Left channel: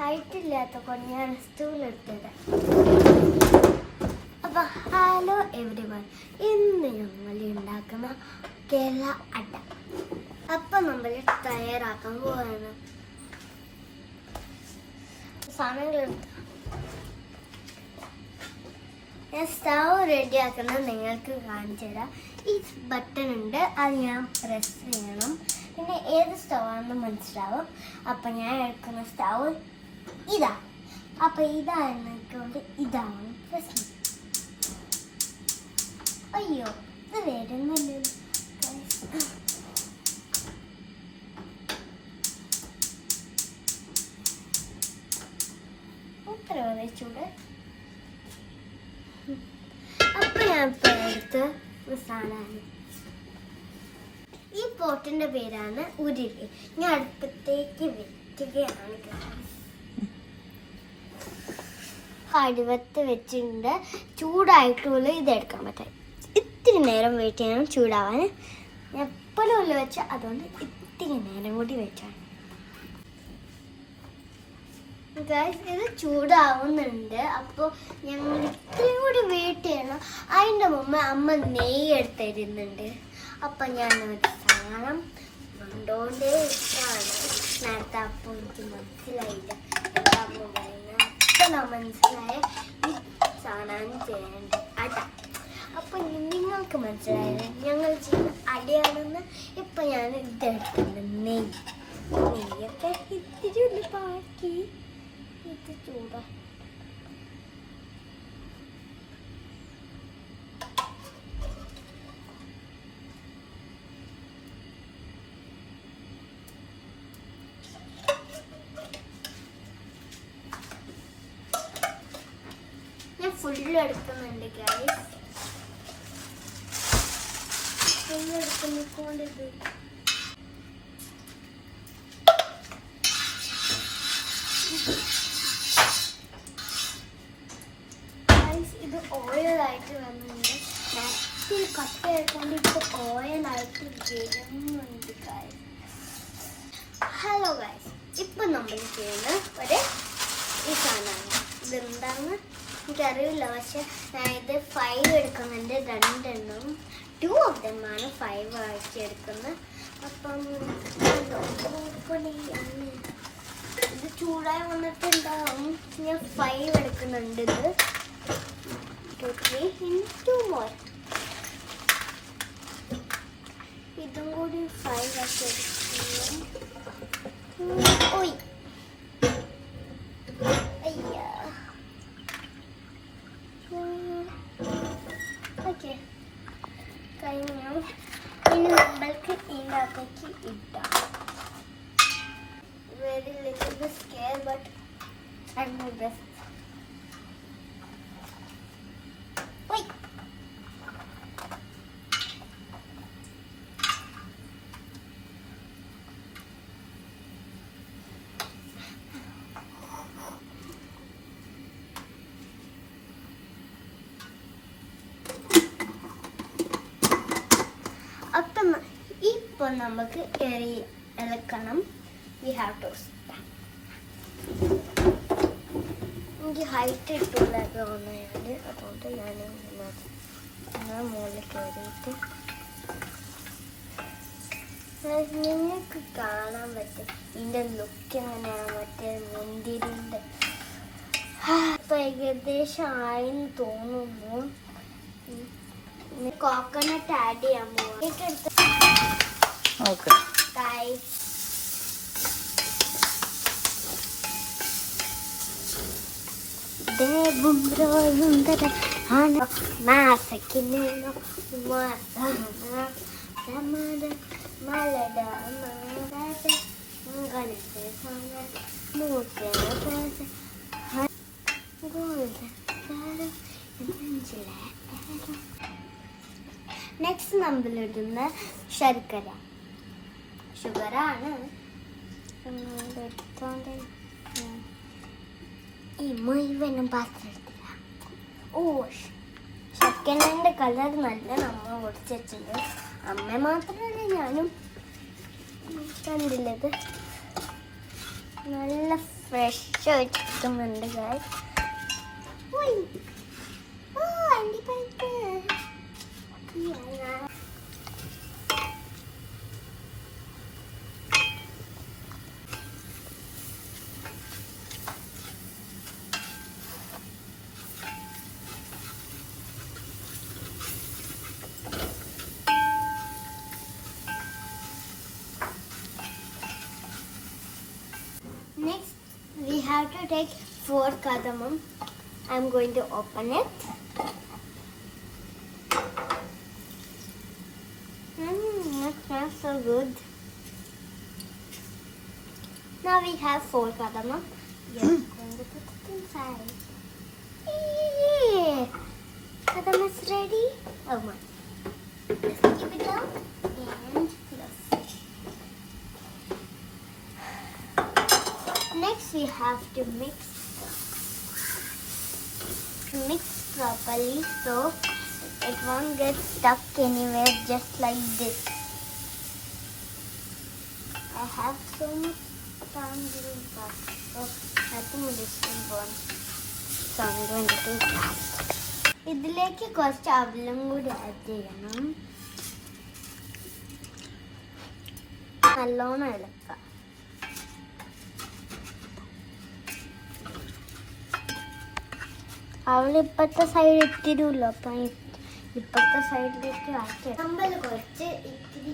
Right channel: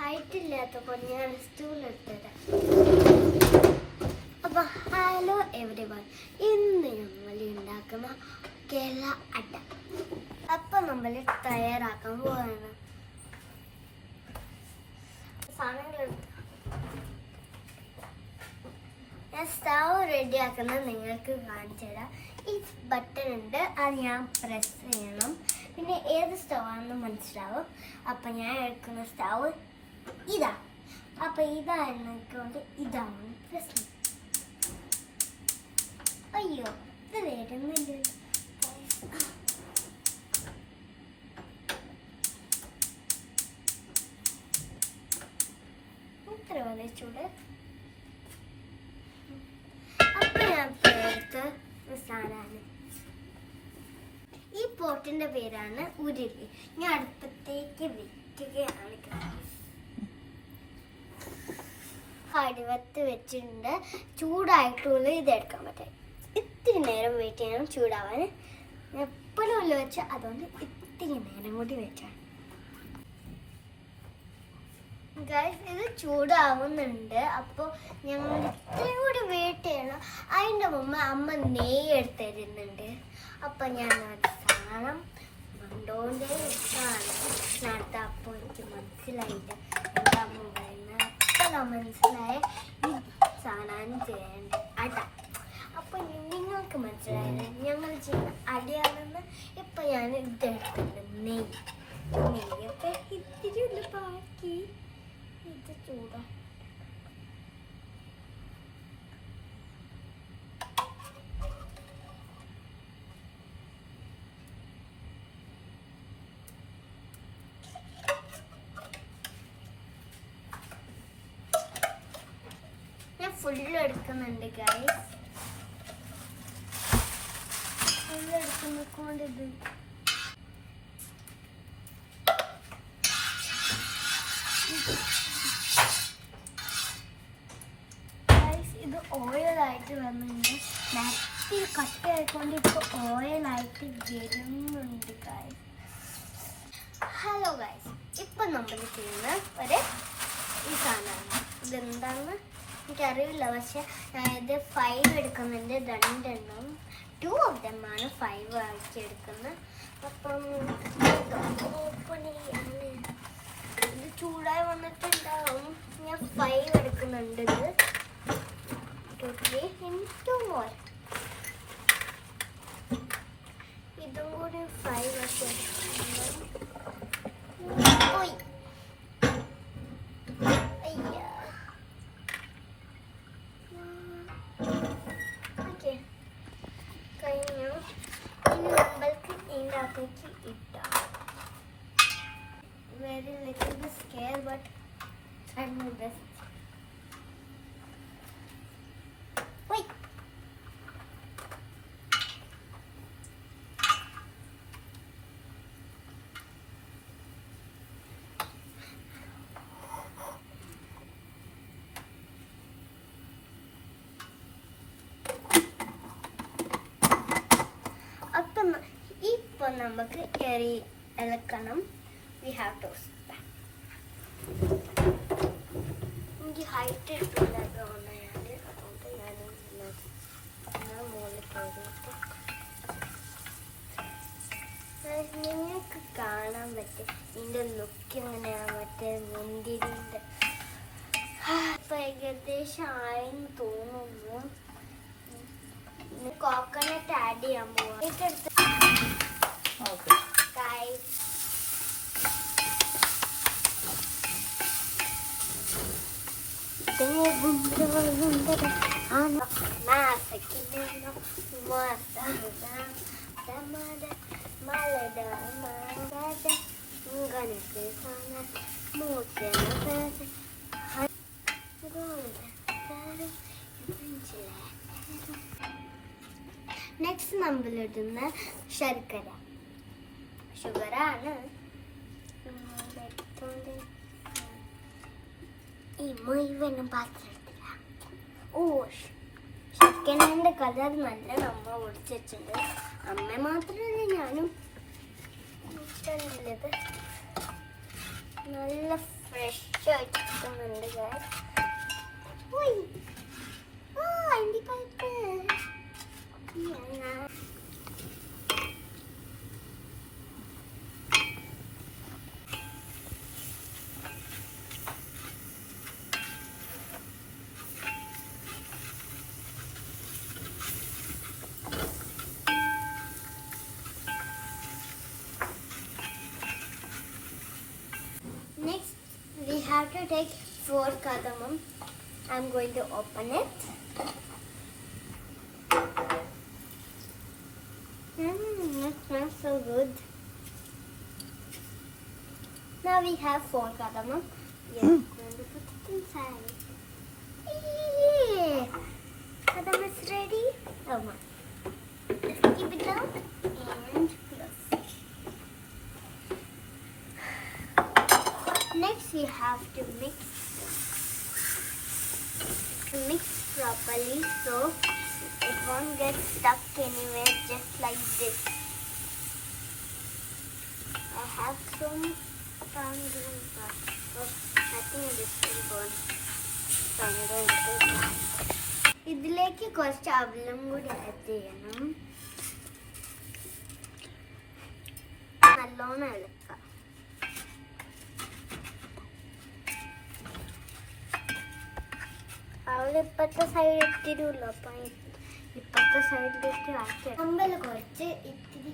Height ഇല്ലാത്തപ്പോൾ ഞാൻ സ്റ്റൂളെടുത്തത്. അപ്പം ഹലോ എവരിവൺ, ഇന്ന് ഞങ്ങൾ ഉണ്ടാക്കുന്ന കേരള അട. അപ്പം നമ്മൾ തയ്യാറാക്കാൻ പോവാണ്. സാധനങ്ങളുണ്ട്. ഞാൻ സ്റ്റവ് റെഡിയാക്കുന്നത് നിങ്ങൾക്ക് കാണിച്ചു തരാം. ഈ ബട്ടൺ ഉണ്ട്, അത് ഞാൻ പ്രസ് ചെയ്യണം. പിന്നെ ഏത് സ്റ്റവാണെന്ന് മനസ്സിലാവും. അപ്പം ഞാൻ എടുക്കുന്ന സ്റ്റവ് ഇതാ. അപ്പം ഇതായിരുന്നുകൊണ്ട് ഇതാണ് പ്രശ്നം. അയ്യോ, ഇത് വരുന്നില്ല. ഇത്ര ഒഴിച്ചൂടെ. അപ്പം ഞാൻ എടുത്ത സാധനമാണ് ഈ പോട്ടിന്റെ പേരാണ് ഉരുളി. ഞാൻ അടുപ്പത്തേക്ക് വെക്കുകയാണ്. കടുവത്ത് വെച്ചിട്ടുണ്ട്. ചൂടായിട്ടുള്ള ഇതെടുക്കാൻ പറ്റും. ഇത്തിരി നേരം വെയിറ്റ് ചെയ്യണം ചൂടാവാൻ. ഞാൻ എപ്പോഴും ഉള്ളിൽ വെച്ച് അതുകൊണ്ട് ഇത്തിരി നേരം കൂടി വെച്ചാണ്. ഇത് ചൂടാവുന്നുണ്ട്. അപ്പോൾ ഞങ്ങൾ ഇത്രയും കൂടി വെയിറ്റ് ചെയ്യണം. അതിൻ്റെ മുമ്പ് അമ്മ നെയ്യ് എടുത്തിരുന്നുണ്ട്. അപ്പം ഞാൻ ഒരു സാധനം കൊണ്ടോണ്ടേ ഇഷ്ടമാണ്. നേരത്തെ അപ്പോൾ എനിക്ക് മനസ്സിലായില്ല. അമ്മ പറയുന്നത് അപ്പോൾ മനസ്സിലായ ഈ സാധനം ചെയ്യേണ്ടത് അട. അപ്പം നിങ്ങൾക്ക് മനസ്സിലായത് ഞങ്ങൾ ചെയ്യുന്ന അടയാണെന്ന്. ഇപ്പം ഞാൻ ഇതെടുത്തിട്ടുണ്ട്. നെയ്യൊക്കെ ഇത്തിരി ഉള്ളി ബാക്കി. ഇത് ചൂടാ. ഞാൻ ഫുള്ള് എടുക്കുന്നുണ്ട് ഗൈസ്. ഫുള്ള് എടുക്കുന്നതുകൊണ്ട് ഇത് ഓയിലായിട്ട് വന്നിട്ടുണ്ട്. നേരത്തെ കട്ട ആയിക്കൊണ്ട് ഇപ്പോൾ ഓയിലായിട്ട് വരുന്നുണ്ട് ഗൈസ്. ഹലോ ഗൈസ്, ഇപ്പം നമ്മൾ ചെയ്യുന്ന ഒരു ഈ സാധനമാണ്. ഇതെന്താണ് എനിക്കറിയില്ല. പക്ഷെ ഞാൻ ഇത് 5 എടുക്കുന്നുണ്ട്. 2 എണ്ണം 2 of them ആണ് 5 ആഴ്ച എടുക്കുന്നത്. അപ്പം ഇത് ചൂടായി വന്നിട്ടുണ്ടാവും. ഞാൻ 5 എടുക്കുന്നുണ്ട്. ഇത് 2 3 2 more. ഇതും കൂടി 5 ആക്കി എടുക്കുന്നു. ഓയ് അയ്യാ. ഓക്കെ, കഴിഞ്ഞു. ഇനി നമ്മൾക്ക് ഇതിൻ്റെ അകത്തേക്ക് ഇടാം. Very little bit scare but I do this. ഓയ് അപ്പം ഇപ്പോൾ നമുക്ക് ഇളക്കണം. We have to. എനിക്ക് ഹൈറ്റ് ഇട്ടുണ്ടായതുകൊണ്ട് അതുകൊണ്ട് ഞാൻ മുകളിൽ കയറിയിട്ട് നിങ്ങൾക്ക് കാണാൻ പറ്റും ഇതിൻ്റെ ലുക്ക് എങ്ങനെയാണ്. മറ്റേ മുന്തിരിൻ്റെ ഇപ്പം ഏകദേശം ആയെന്ന് തോന്നുന്നു. കോക്കനട്ട് ആഡ് ചെയ്യാൻ പോകും. ഓക്കെ നെക്സ്റ്റ് നമ്മൾ ഇടുന്ന ശർക്കര. ഷുഗറാണ്. ഈ മുഴുവനും പാത്രത്തില. ഓ, ശർക്കരൻ്റെ കളർ നല്ല നമ്മൾ ഒടിച്ച് വെച്ചിട്ടുണ്ട്. അമ്മ മാത്രമല്ല ഞാനും കണ്ടില്ലത്. നല്ല ഫ്രഷ് കിട്ടുന്നുണ്ട് ഗൈസ്. അണ്ടിപ്പരിപ്പ്. Next, we have to take 4 cardamom. I'm going to open it. That smells so good. Now we have 4 cardamom. We are going to put it inside. Yay! Cardamom is ready. Oh my. Keep it down and close it. Next we have to mix properly so it won't get stuck anywhere, just like this. I have so much fun doing that. So nothing is important. So I'm going to do this. ഇതിലേക്ക് കുറച്ച് അവലും കൂടി add ചെയ്യണം. നല്ലോണം ഇളക്കാം. അവൾ ഇപ്പത്തെ side ഇത്തിരില്ലോ, അപ്പം ഇപ്പത്തെ സൈഡിലേക്ക് ആക്കി നമ്മൾ കുറച്ച് ഇത്തിരി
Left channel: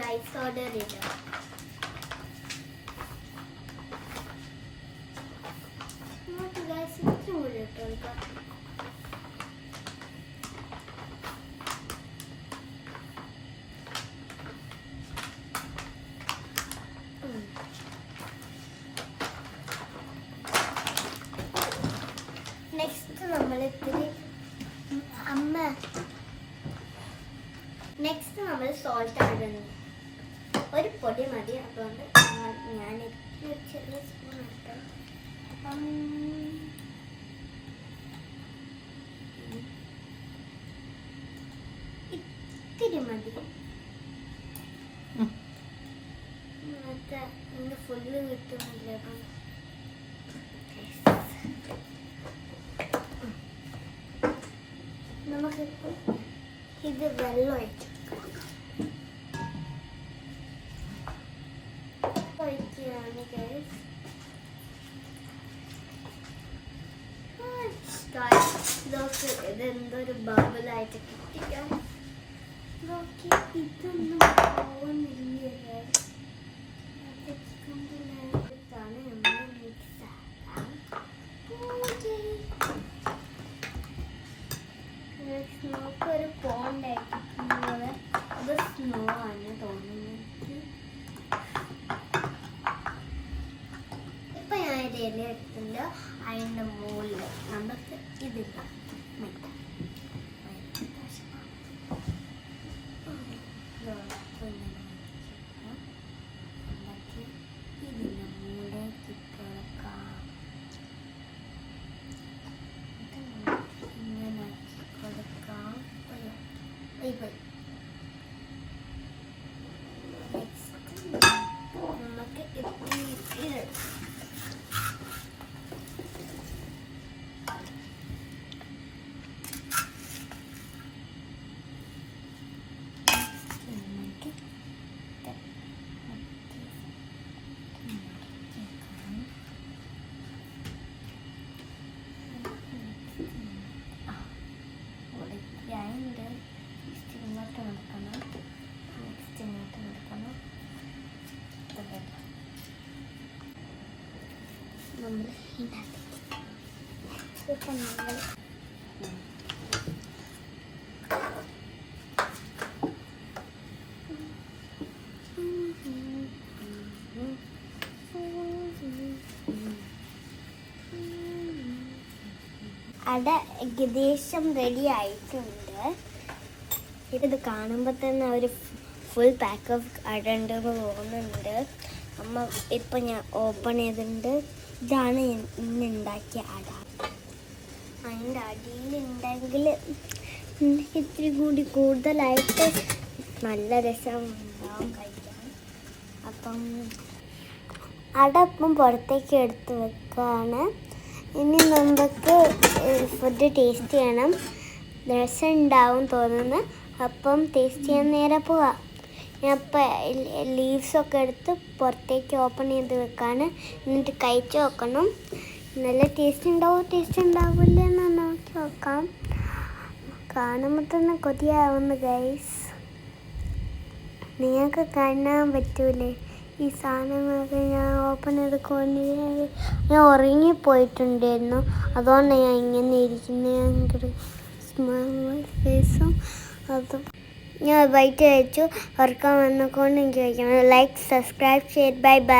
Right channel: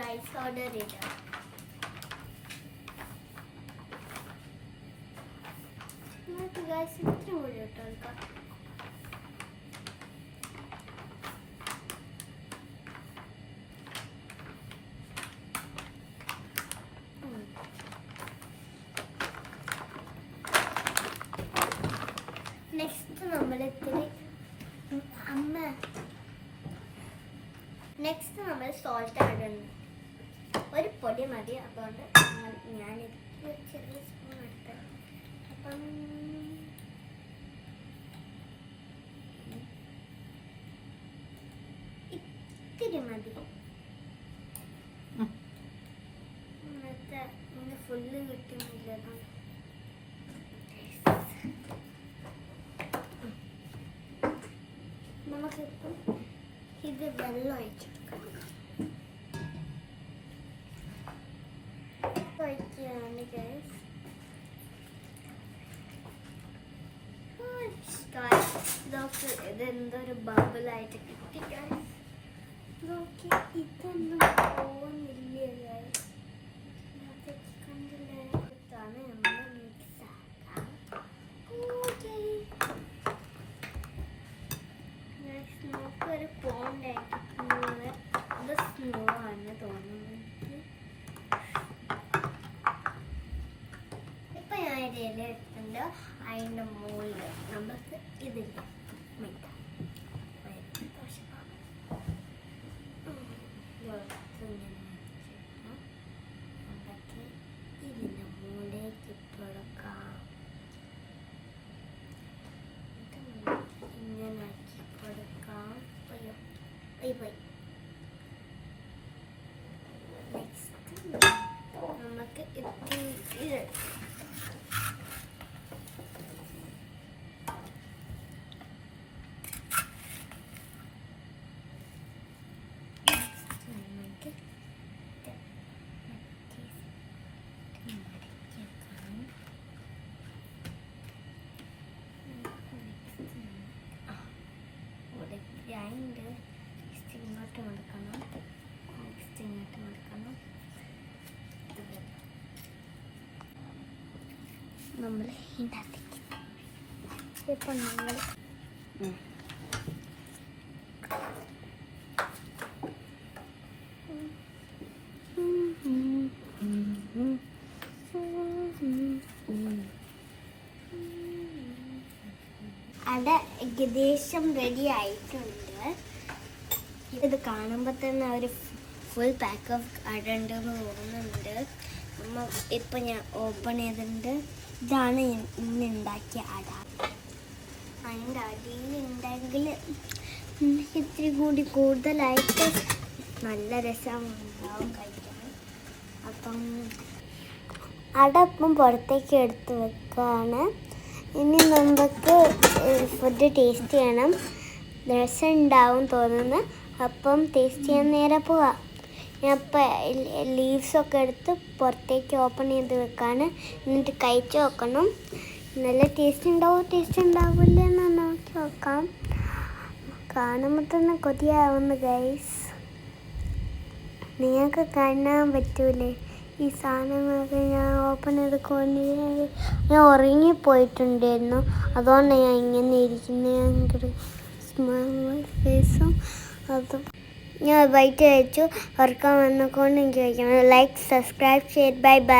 റൈസ് പൗഡർ ഇടാം. ഇത്തിരി കൂടി ഇട്ടോ. നെക്സ്റ്റ് നമ്മൾ സോൾട്ട് ഇടുന്നു. ഒരു പൊടി മതി, അതുകൊണ്ട് ഞാൻ ചെറിയ സ്പൂൺ ഇട്ടു. അപ്പം ഇത്തിരി മതി. ഫുള്ള് കിട്ടുന്നില്ല. അപ്പം നമുക്കിപ്പം ഇത് വെള്ളം ഒഴിക്കുകയാണ് ഗൈസ്. നോക്ക്, ഇതെന്തൊരു ബബിളായിട്ട് കിട്ടി ഗൈസ്. നോക്കി, ഇതൊന്നും പോകുന്നില്ല ഗൈസ്. ഇതാണ് നമ്മൾ മിക്സ് ആക്കാം. സ്നോക്കൊരു പോണ്ടായിട്ട് അത് സ്നോ ആണ് തോന്നുന്നത്. ഇപ്പം ഞാൻ ഇല എടുത്തിട്ടുണ്ട്. അതിൻ്റെ മുകളിൽ നമുക്ക് ഇതില്ല മിക്ക ഇതിൻ്റെ മുകളിലേക്ക് ഇട്ടുകൊടുക്കാം. ഇങ്ങനെ കൊടുക്കാം. പോയി നെക്സ്റ്റ് നമുക്ക് ഇത് ഇങ്ങോട്ട് നടക്കണം. നെക്സ്റ്റ് ഇങ്ങോട്ട് നടക്കണം. നമ്മൾ ഇപ്പം അട ഏകദേശം റെഡി ആയിട്ടുണ്ട്. ഇത് കാണുമ്പോൾ തന്നെ ഒരു ഫുൾ പാക്ക് ഓഫ് അട ഉണ്ടെന്ന് തോന്നുന്നുണ്ട്. അമ്മ ഇപ്പം ഞാൻ ഓപ്പൺ ചെയ്തിട്ടുണ്ട്. ഇതാണ് ഇന്ന് ഉണ്ടാക്കിയ അട. അതിൻ്റെ അടിയിലുണ്ടെങ്കിൽ ഇത്തിരി കൂടി കൂടുതലായിട്ട് നല്ല രസം ഉണ്ടാവും കഴിക്കാൻ. അപ്പം അടപ്പം പുറത്തേക്ക് എടുത്ത് വെക്കുകയാണ്. ഇനി നമുക്ക് ഫുഡ് ടേസ്റ്റ് ചെയ്യണം. രസം ഉണ്ടാവും തോന്നുന്നു. അപ്പം ടേസ്റ്റ് ചെയ്യാൻ നേരെ പോവാം. ഞാൻ അപ്പം ലീവ്സൊക്കെ എടുത്ത് പുറത്തേക്ക് ഓപ്പൺ ചെയ്ത് വെക്കാണ്. എന്നിട്ട് കഴിച്ച് നോക്കണം. നല്ല ടേസ്റ്റ് ഉണ്ടാവില്ല എന്ന് നോക്കി നോക്കാം. കാണുമ്പോൾ തന്നെ കൊതിയാവുന്നു ഗൈസ്. നിങ്ങൾക്ക് കാണാൻ പറ്റൂലേ ഈ സാധനങ്ങളൊക്കെ? ഞാൻ ഓപ്പൺ ചെയ്ത് ഞാൻ ഉറങ്ങിപ്പോയിട്ടുണ്ടായിരുന്നു. അതുകൊണ്ടാണ് ഞാൻ ഇങ്ങനെ ഇരിക്കുന്നത്. ഫേസും അതും ഞാൻ വൈറ്റ് കഴിച്ചു. ഉറക്കം വന്നുകൊണ്ട് എനിക്ക് കഴിക്കണം. Like, subscribe, share, bye bye.